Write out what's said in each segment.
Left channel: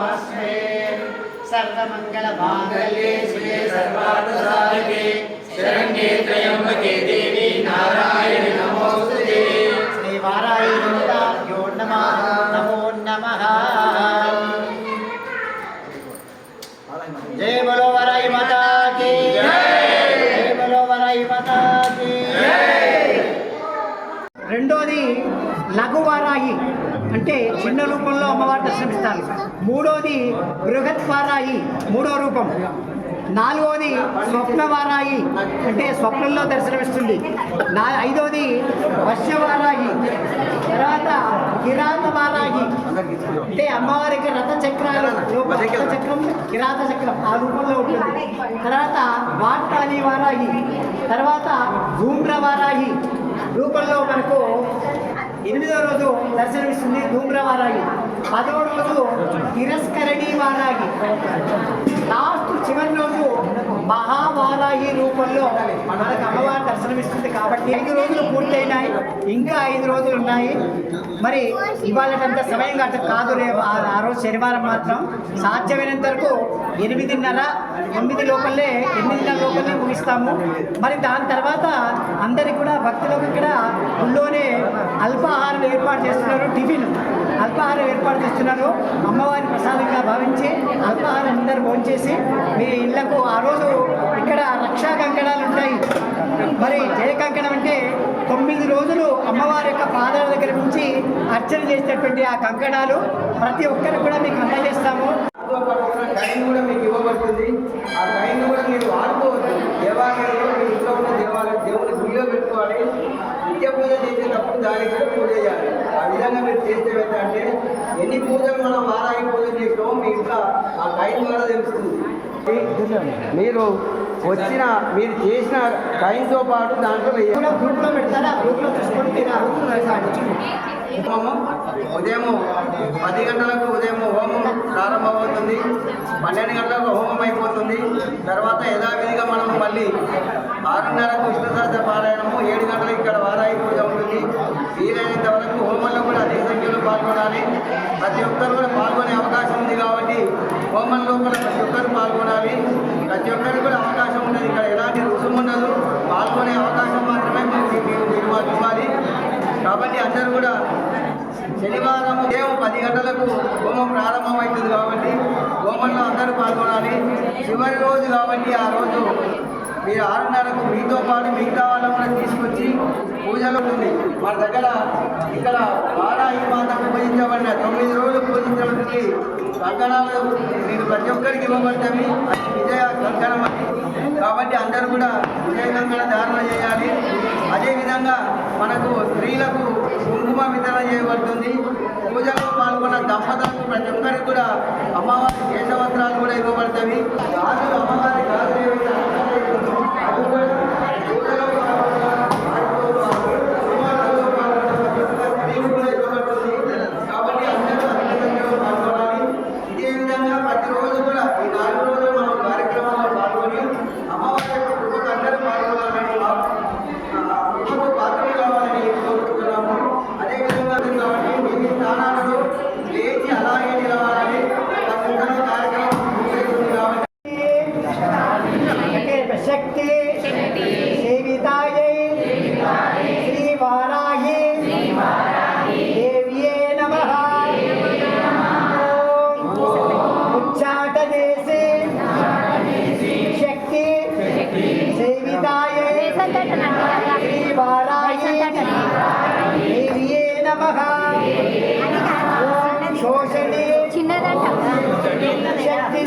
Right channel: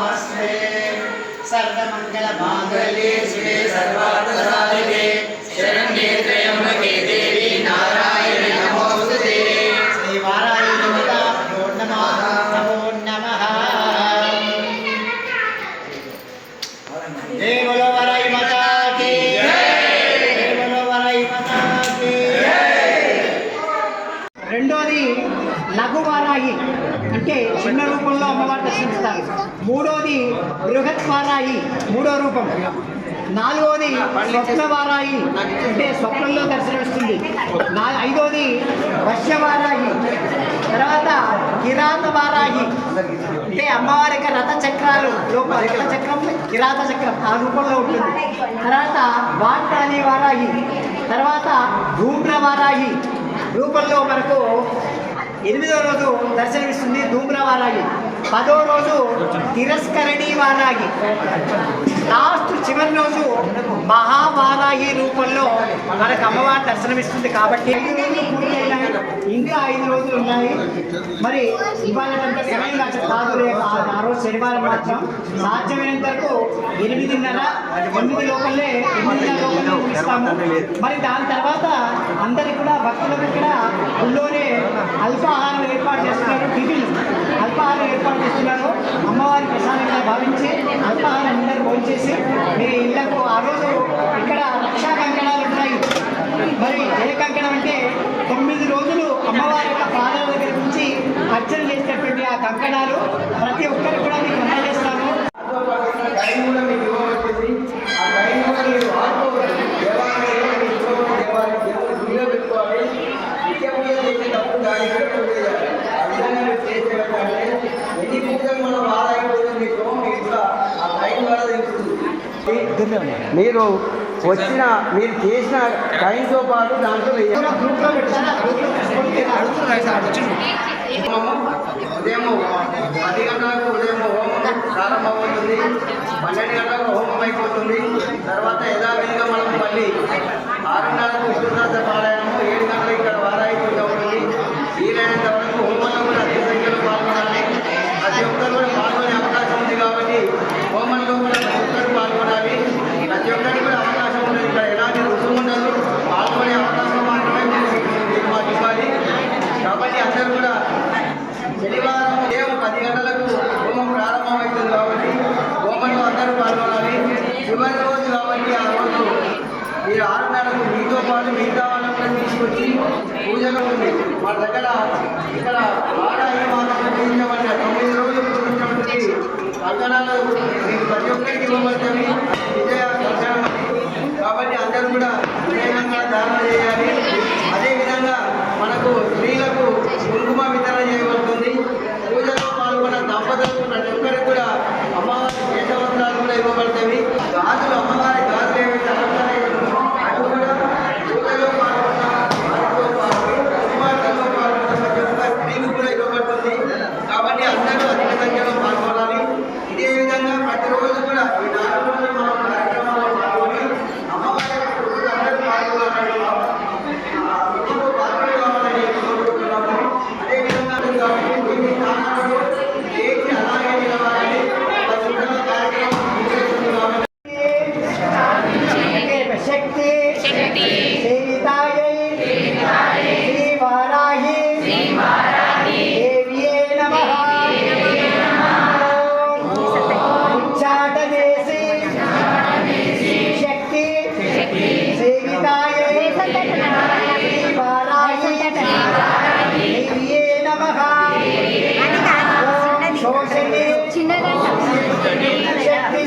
नमस्ते सर्वमङ्गलमाङ्गल्ये शिवे सर्वार्थसाधिके शरण्ये त्र्यम्बके देवी नारायणि మూడోది బృహత్వారాయి మూడో రూపం. నాలుగోది స్వప్నవారాయి అంటే స్వప్నంలో దర్శనమిస్తుంది నా ఐదోది వర్షవారాయి తర్వాత కిరాత వారాయి. అంటే అమ్మవారి యొక్క రథ చక్రాలు లోపల రథ చక్రం కిరాత చక్రం ఆ రూపంలో ఉంటుంది. తర్వాత వార్తాలి వారాయి. తర్వాత ధూమ్ర వారాయి. రూపంలో మనకు ఎనిమిదో రోజు దర్శనమిస్తుంది ధూమ్ర వారాయి. పదో రోజు తిరస్కరణి లాస్ట్ చివరి రోజు మహావారాహి రూపంలో మనకు అమ్మవారి దర్శనమిస్తుంది కాబట్టి ఐదు రోజులు పూర్తి అయినాయి. ఇంకా ఐదు రోజులు ఉన్నాయి. మరి ఇవాళ సమయం కాదు కాదు రేపు ఆ- రోజు శనివారం మాత్రం. సాధ్యమైనంత వరకు ఎనిమిదిన్నర ఎనిమిది లోపలే ఎనిమిదిన్నర లోపలే ముగిస్తాము. మరి దాని తర్వాత అందరికి కూడా భక్తులకు ఇక్కడ గుళ్ళోనే అల్పాహారం ఏర్పాటు చేస్తున్నారు టిఫిన్ అల్పాహారం ఏర్పాటు చేస్తున్నారు. అమ్మవారి ప్రసాదంగా భావించి అల్పాహారం అందరు భోంచేసి మీ ఇళ్ళకు ఆ రోజు ఇక్కడ రక్షా కంకణాలు ఉంటాయి. మరి జయ కంకణం అంటే తొమ్మిది రోజులు అమ్మవారి యొక్క పాదాల దగ్గర నుంచి అర్చన చేసేటువంటి ఆ కంకణాలు. ప్రతి ఒక్కరికి కూడా మీకు అందజేస్తాను టైం కూడా మీకు ఇవ్వబడుతుంది ఆ టైం కూడా మీరు వాడుకోవచ్చు దేవాలయంలో మీ ఇంట్లో ఉన్న దేవాలయం దేవుని గుడిలో పెట్టుకోవాలి నిత్య పూజ చేసేటప్పుడు దానికి కూడా పూజ చేయాలి ఆ విధంగా మీరు చేసేటంటే ఎన్ని పూజలు మనం వారాయి పూజలు చేస్తామో మీ ఇంట్లో ఆ టైం ద్వారా తెలుస్తుంది మీరు వచ్చిన మీరు చేసిన టైంతో పాటు దాంట్లో ఉదయం పది గంటలకు ఉదయం హోమం ప్రారంభమవుతుంది. పన్నెండు గంటలకు హోమం అయిపోతుంది. తర్వాత యథావిధిగా మనం మళ్ళీ ఆరున్నరకు విష్ణు సహస్ర పారాయణము ఏడు గంటలకు ఇక్కడ వారాయి పూజ ఉంటుంది. వీలైనంత వరకు హోమంలో కూడా అధిక సంఖ్యలో పాల్గొనాలి. ప్రతి ఒక్కరు కూడా పాల్గొనే అవకాశం ఉంది కాబట్టి హోమంలో కూడా ప్రతి ఒక్కరు పాల్గొనాలి. ప్రతి ఒక్కరికి కూడా అవకాశం ఉన్నది. ఇక్కడ ఎలాంటి రుసుము ఉండదు. పాల్గొనే అవకాశం మాత్రమే మీరు మాకు ఇవ్వాలి కాబట్టి అందరూ కూడా శనివారం ఉదయం పది గంటలకు హోమం ప్రారంభమవుతుంది కాబట్టి హోమంలో అందరూ పాల్గొనాలి. చివరి రోజు కాబట్టి ఆ రోజు మీరు ఆరున్నరకు మీతో పాటు మిగతా వాళ్ళని కూడా తీసుకొచ్చి పూజలో ఉంది మా దగ్గర ఇక్కడ వారాహి మాతకు పూజించబడిన తొమ్మిది రోజులు పూజించబడి కంకణాలు మీరు ప్రతి ఒక్కరికి ఇవ్వబడతాయి విజయ కంకణం కాబట్టి అందరూ కూడా విజయకంగా ధారణ చేయాలి. అదేవిధంగా మనకు స్త్రీలకు కుంకుమ వితరణ చేయబడుతుంది. పూజలో పాల్గొన్న దంపతులకు ప్రతి ఒక్కరికి కూడా అమ్మవారి కేశవస్త్రాలు కూడా ఇవ్వబడతాయి. గాజులు అమ్మవారి గాజులు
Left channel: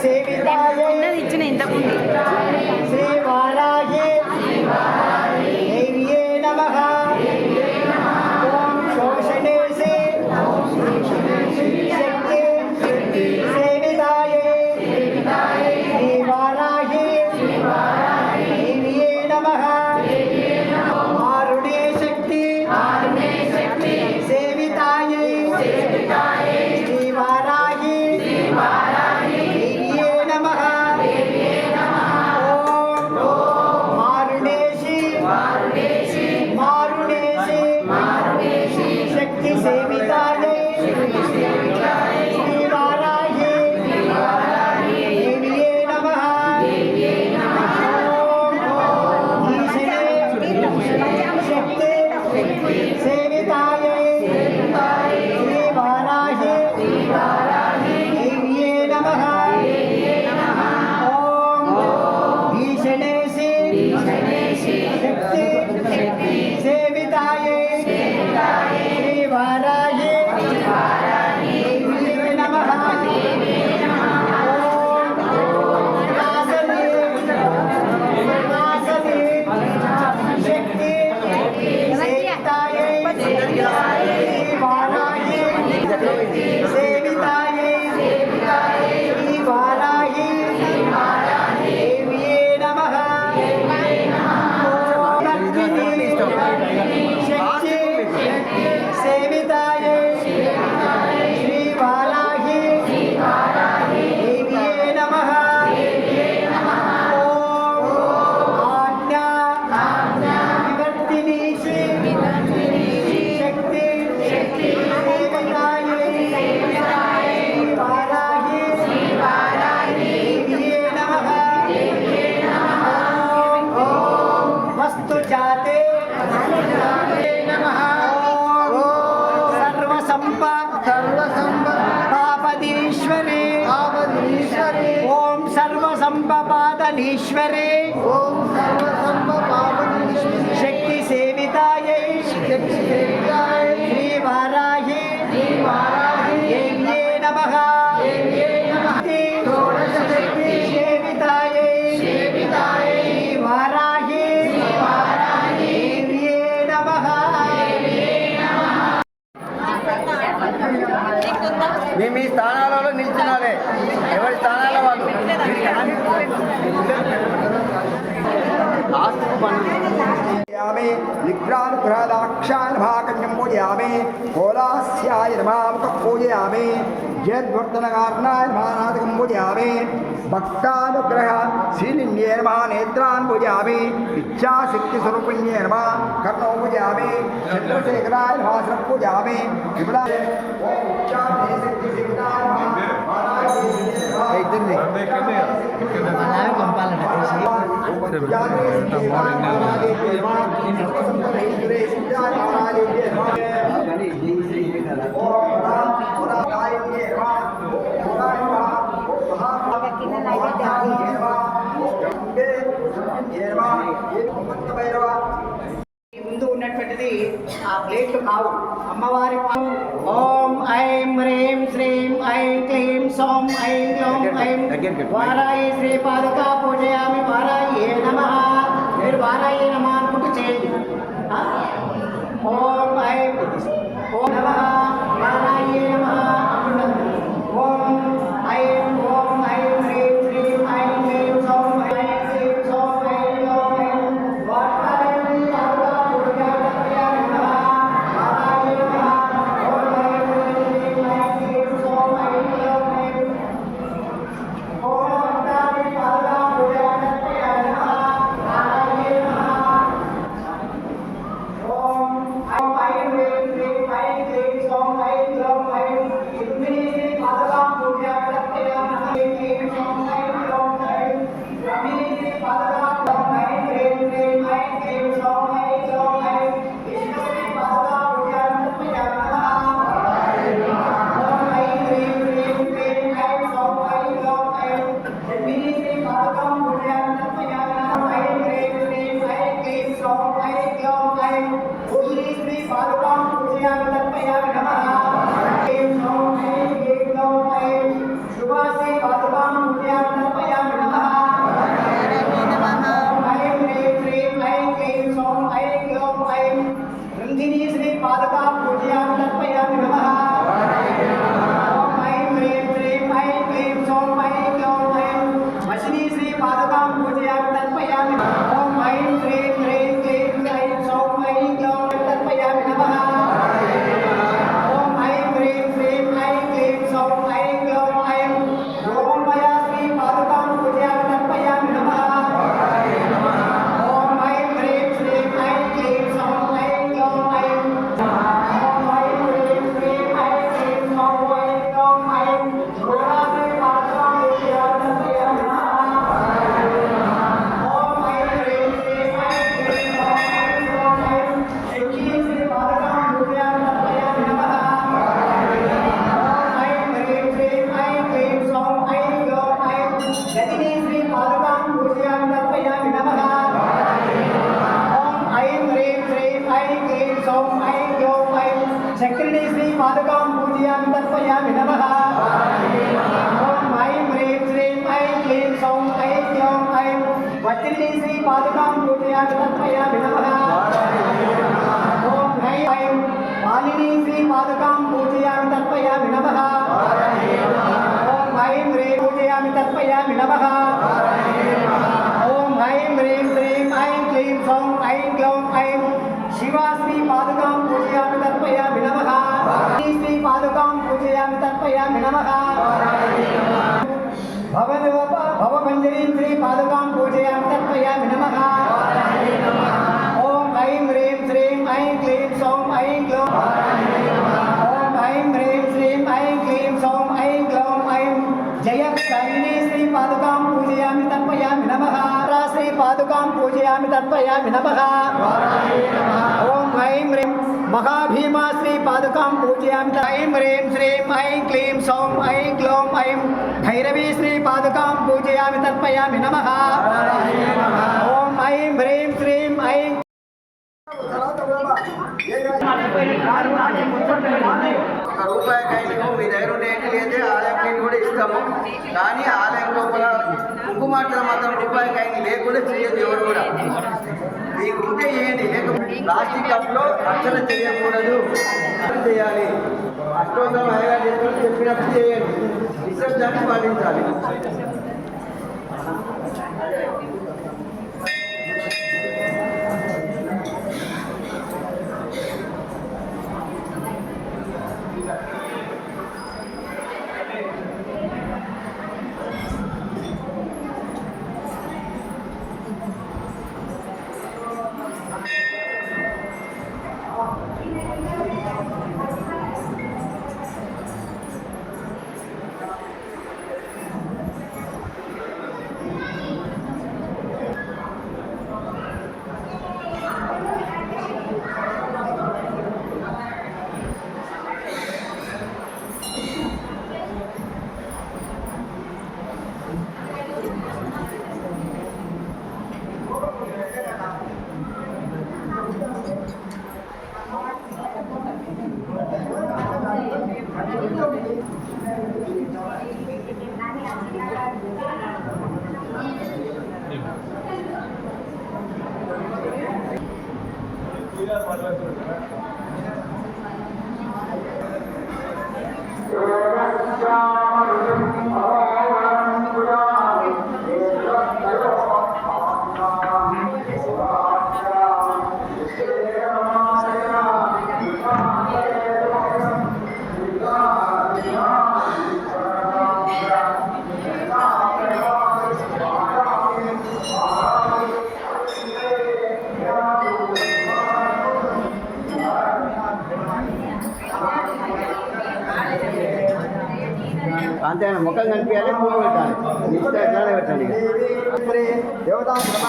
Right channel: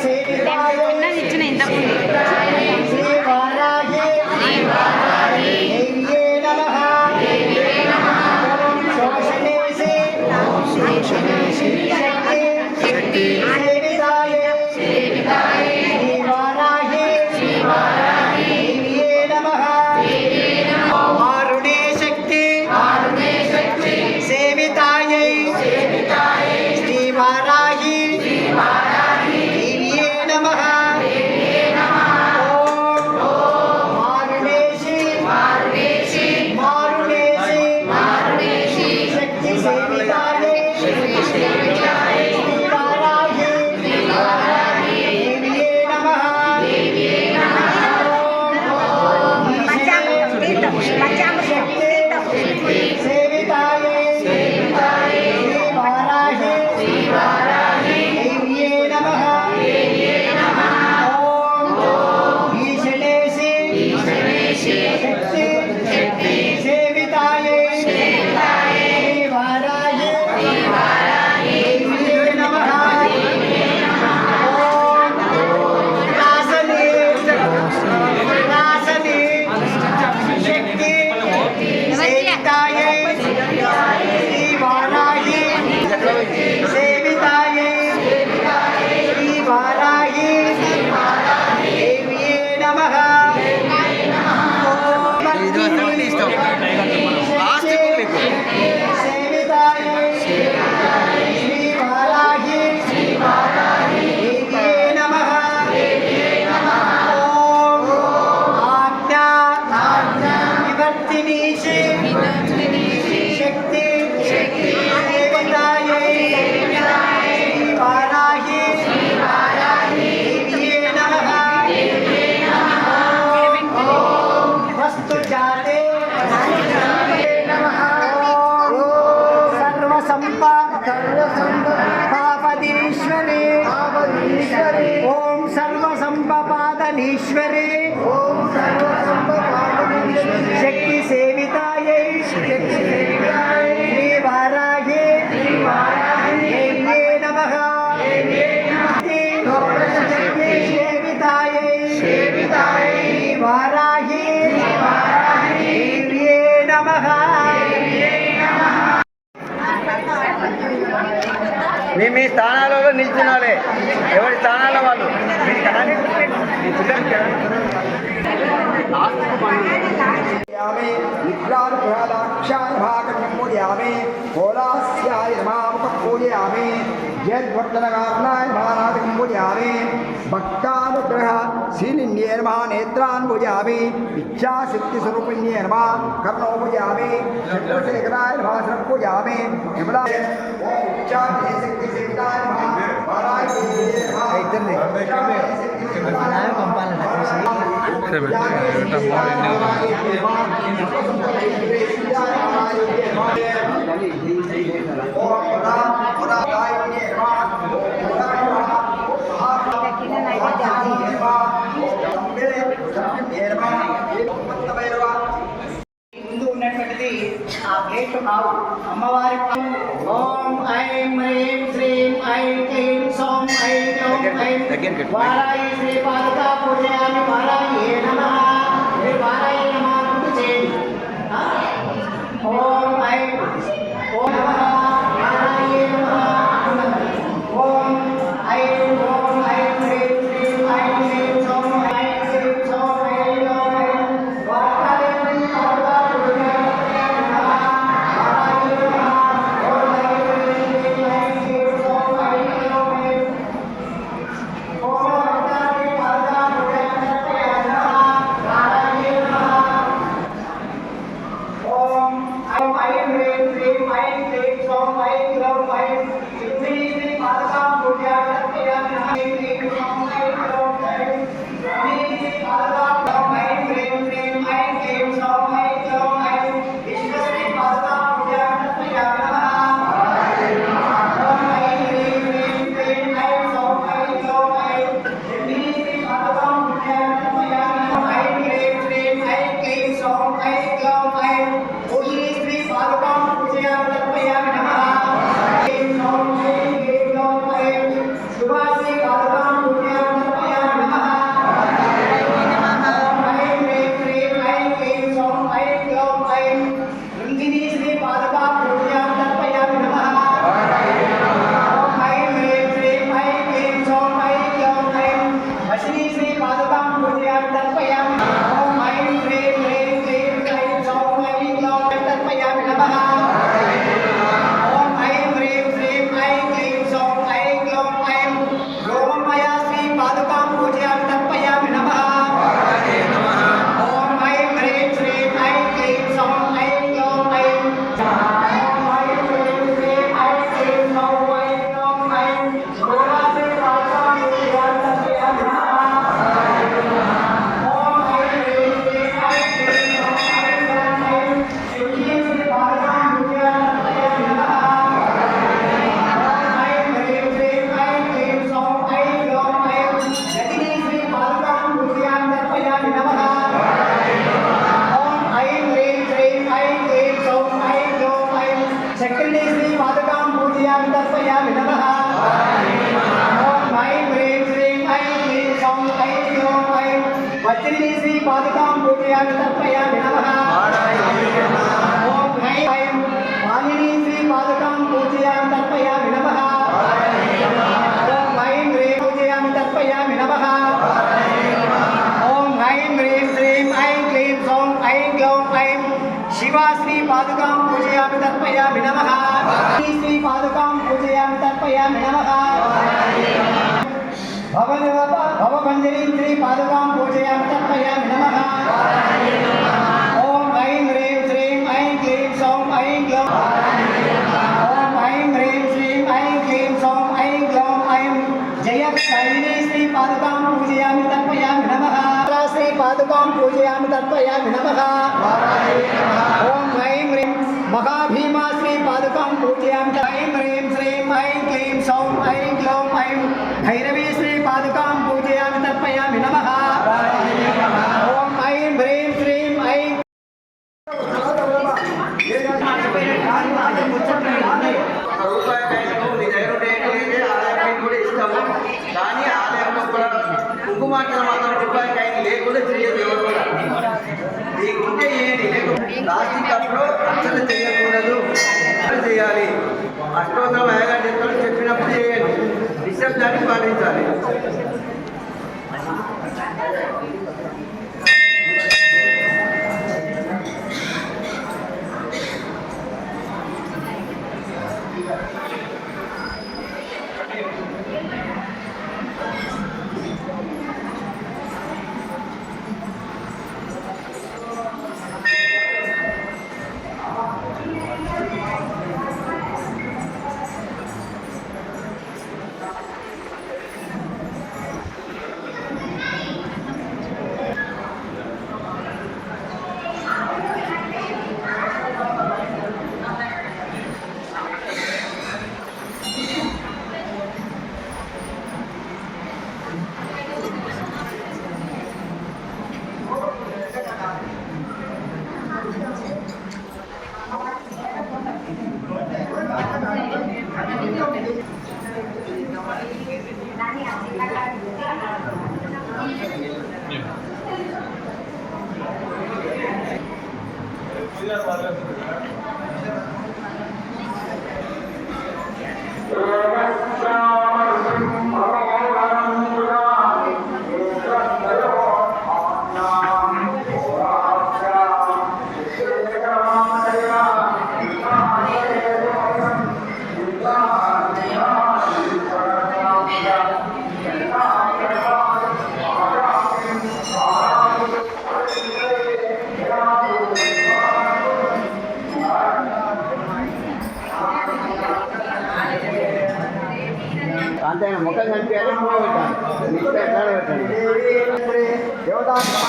saved by the して。いる सर्वसम्पदानीश्वरे ॐ शक्ति सेविताये शक्ति पूजयामे निद्रानुग्रहदाक्षायभागं पूजयामे कोलास्याय पूजयामे यद्भक्तनकारणाय नेत्रान् पूजयामि पूजयामि चन्द्रशेखराय भाषणं पूजयामि சரி விட்டா மாடு என்ன ఆ ప్లేట్లు కావు అమ్మవారి ఓం ఐం హ్రీం శ్రీం ఐం క్లీం సోం ఐం ఓం ఐం వారాయి శ్రీ పాదకా పూజయామి వారాయి నమ వారాయి भवपञ्जरीं श्रीपादुकां पूजयामि नमः। ॐ ऐं ह्रीं श्रीं ऐं क्लीं सौं ऐं ग्लौं ॐ ऐं ह्रीं श्रीं ऐं क्लीं सौं ऐं ग्लौं ऐं जयकालिनी श्रीपादुकां पूजयामि, तर्पयामि नमः। श्रीपादुकां पूजयामि, तर्पयामि नमः। ॐ ऐं ह्रीं महाभीमा श्री पादुकां पूजयामि ऐं ह्रीं श्रीं ऐं क्लीं सौं ऐं क्लौं ऐं भैरवी श्री पादुकां पूजयामि तर्पयामि नमः ॐ ऐं ह्रीं श्रीं ऐं ఒక రూపాయి కాయలు మీ దగ్గర ఉంటే ఏంటి లేదే ఆదాయం కాయని కూడా ఇస్తాము కానీ ఆదాయం లోపల కుంకుమార్తెలు మాత్రం రూపాయి కాయని లేకుండా చేయదు ఎవరు కూడా మీకు ఉంటే ఏంటి ప్లాస్టిక్ కప్లో అసలు చేయకూడదు. చేయాలి. అష్టోత్తరం అయ్యగారు చెప్పినప్పుడు చెప్పినప్పుడు చేయండి. నిశ్శబ్దాన్ని పాటించాలి. అంతే ముఖం కనిపించాలి పూలు పెట్టాలి. మిగతా ఎట్లా పెట్టండి? దేవతాపహ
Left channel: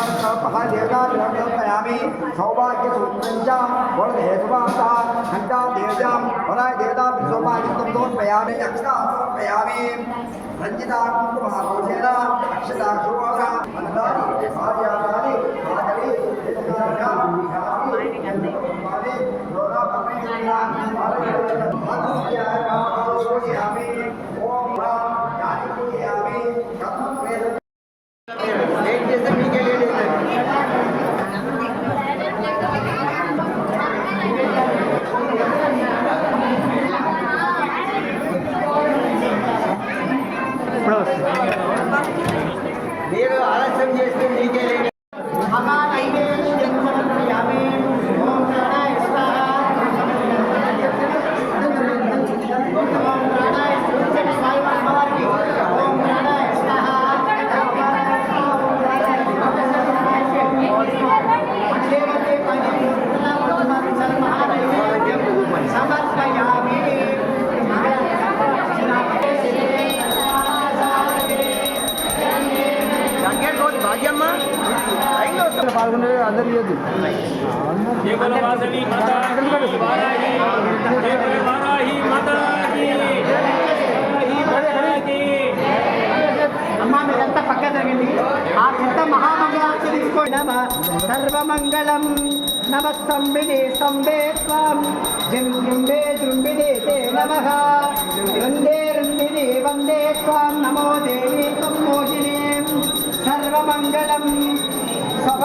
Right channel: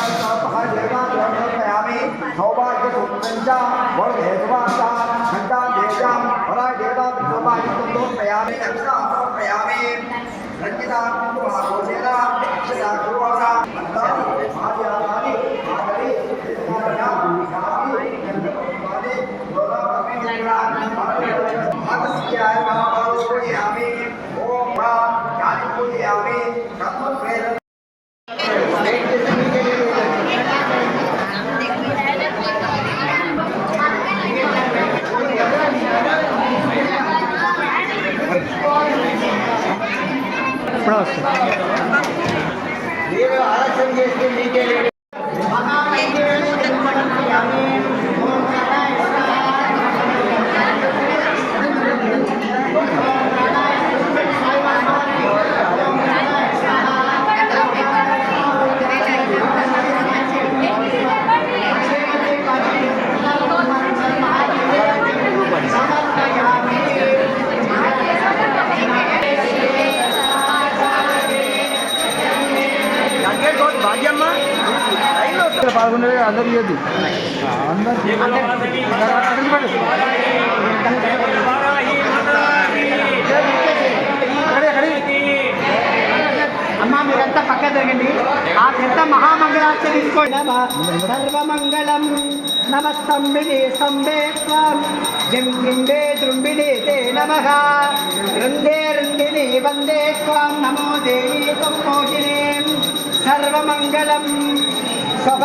దేవతాపయామి సౌభాగ్యసూత్రం చ దేవతా సౌభాగ్యం సమర్పయామి సమర్పయామి పూజయామి ఓం కాళీ పూజయామి కథం వెయిట్ చేస్తే మీకే లేదు మీరు ఆలస్యం చేస్తే మీకే లేదు అమ్మా అందరు పక్క సర్వమంగళం. నమ స్తంభిని స్తంభే త్వం జిం తే నమ. వృందే వృందిని వందే త్వాం నమో దేవి త్వం సర్వమంగళం. సభ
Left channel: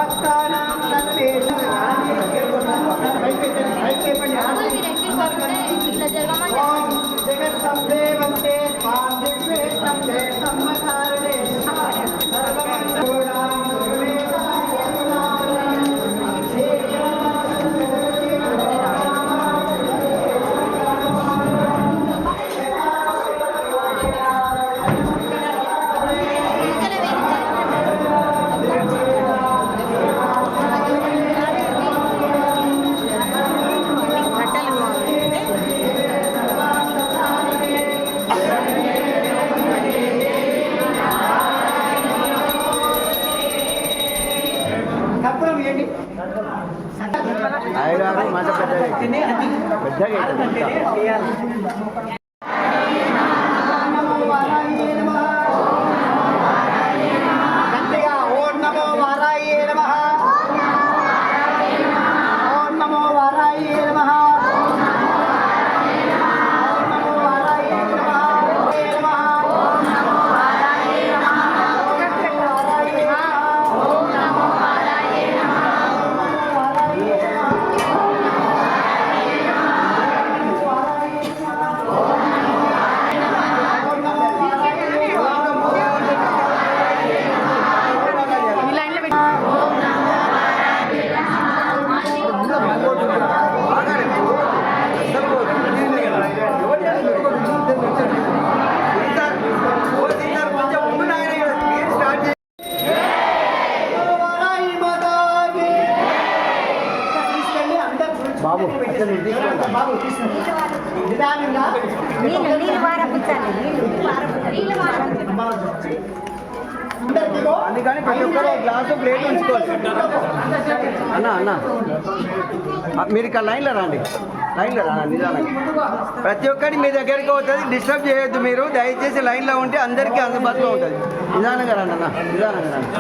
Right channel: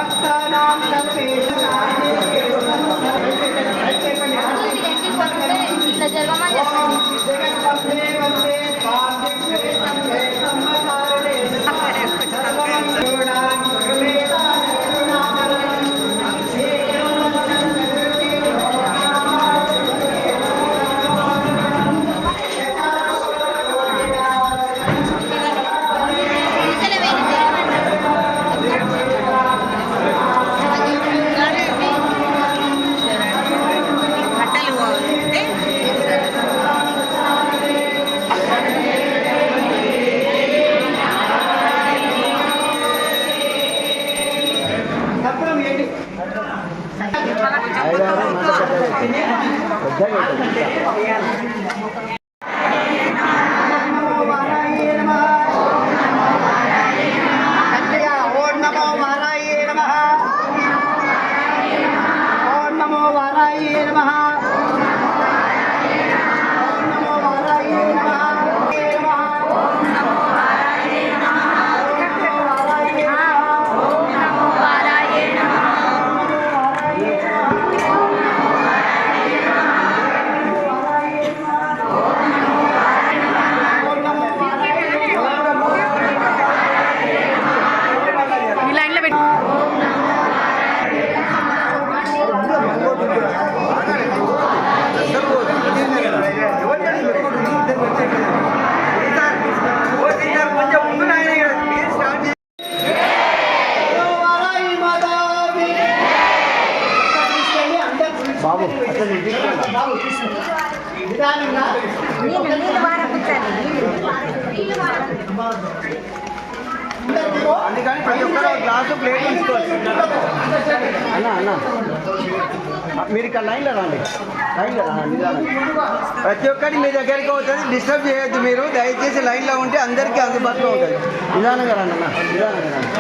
అందుకని ప్రతి ఒక్కరు గ్లాసు ప్లేట్ ఉంచుకోవాలి. అన్న అన్న. మీరు ఇక్కడ లైన్లో రండి. లైన్లో రా నిదానంగా ప్రతి ఒక్కరి మీ దగ్గరికి అవుతుంది డిస్టర్బ్ చేయొద్దు మీరు. దయచేసి లైన్లో ఉంటే అందరికీ అందుబాటులో ఉంటుంది నిదానంగా రండి అన్న. నిదానంగా రండి.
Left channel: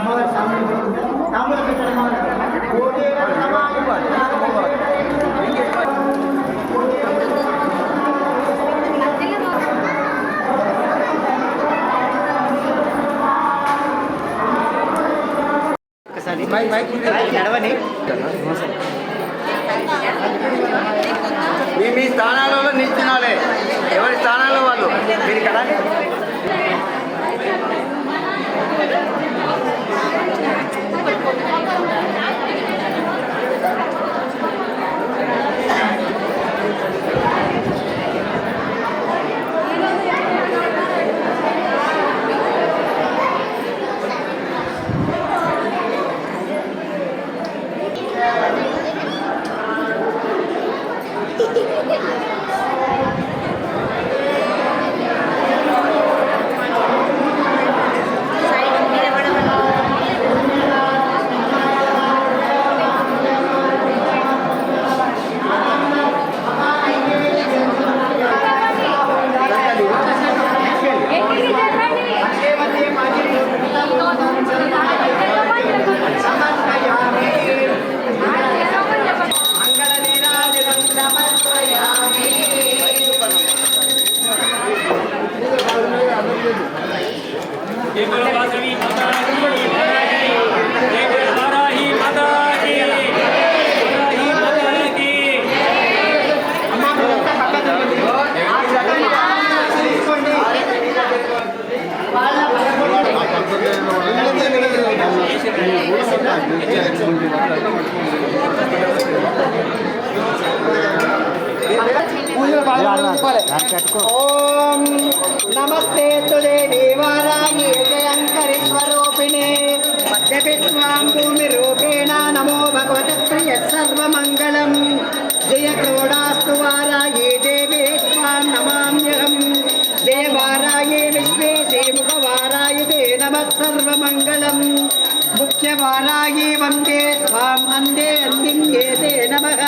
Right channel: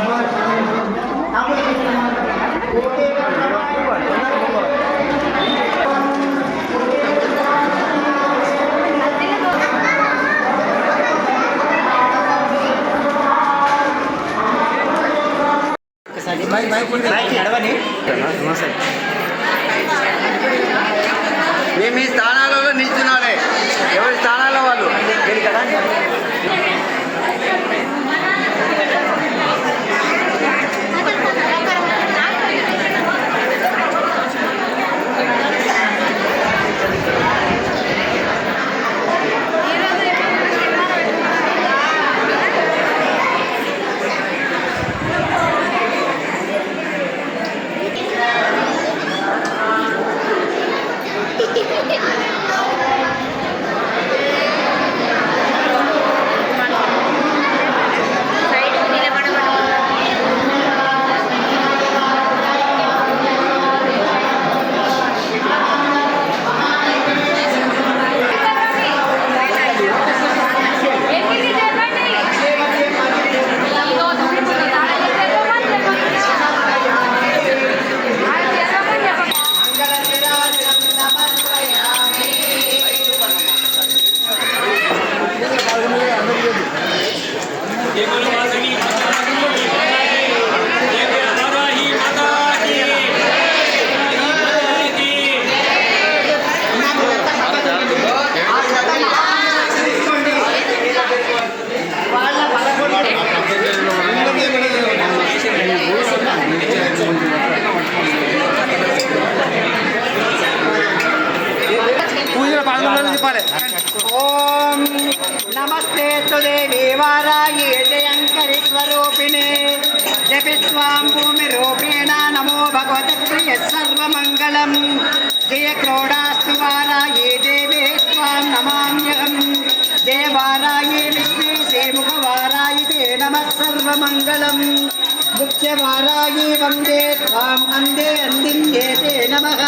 వారాయే వందే త్వాం అందే అందిన్యే తే నమః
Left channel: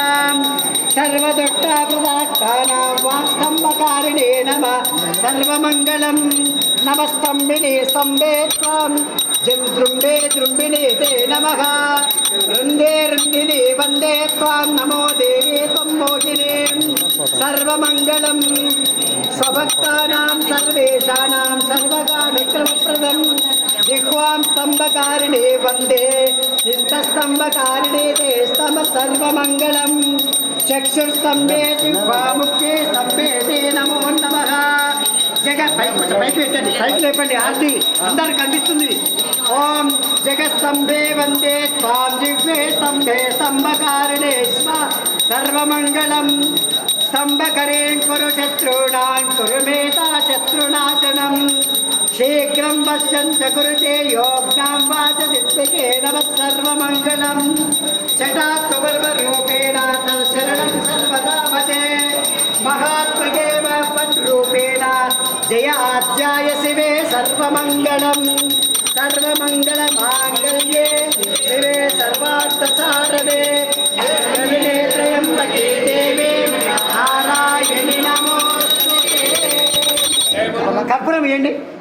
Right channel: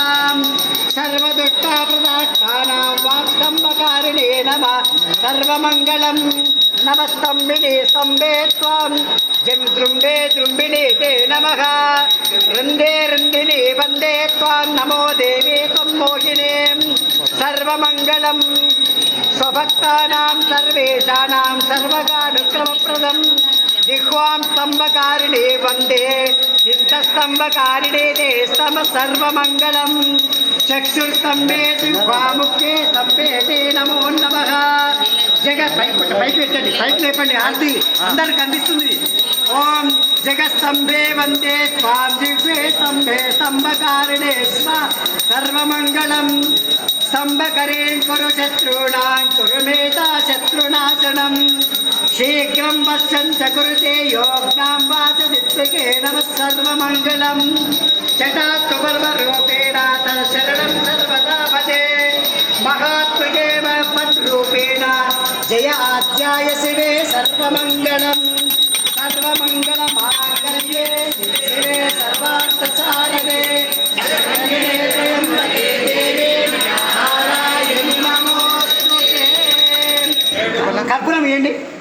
సర్వదుఃఖాపదార్థానాం స్తంభకారిణే నమ సర్వమంగళం నమస్తంభినే స్తంభే త్వం జం దృంబే దృంబినే తే నమః వృందే రుందినే వందే త్వాం నమో దేవే త్వం మోహినే సర్వమంగళం జిహ్వాం స్తంభకారిణే వందే చింతస్తంభకారిణే దే స్తమ సర్వమంగళం. చక్షుస్తంభే సింహాముఖ్యే స్తంభే తే నమో నమ. జగత్ పైకి పెట్టండి పైకి లేపండి ఆర్తి అందరికి అందిస్తుంది. ఓం జగత్సంభే వందే స్వాం జిహ్వే స్తంభే స్తంభకారిణే సర్వమంగళం. స్తంభకరేం కురు శత్రుణాం కురు మేతా శత్రునాశనం. शीघ्रं पश्यन् च कुरुते योग्नां वाचदित्सके नमः सर्वमङ्गलं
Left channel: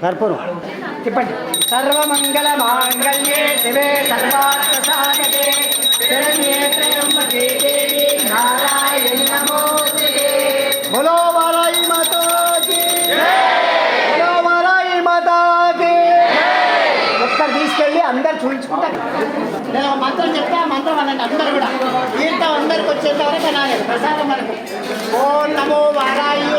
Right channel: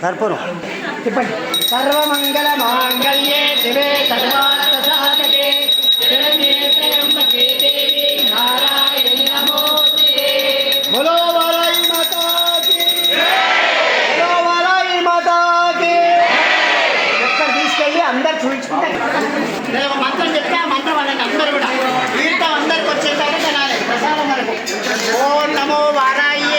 కర్పూరం. చెప్పండి సర్వమంగళ మాంగళ్యే శివే సర్వార్థ సాధకే శరణ్యే త్రయంబకే దేవి నారాయణి నమోస్తుతే బోలో వారాయి మాతా కీ బోలో వారాయి మాతా కీ ఒక్కరు తీసుకెళ్ళి అందరు చూపించుకుంటారు మంత్రం చెప్తే ఆ మంత్రం వాళ్ళని అందరు కూడా. తీర్థం అందరికి వచ్చేసారు తినాలి ప్రసాదం వరకు. ఓం నమో వారాయి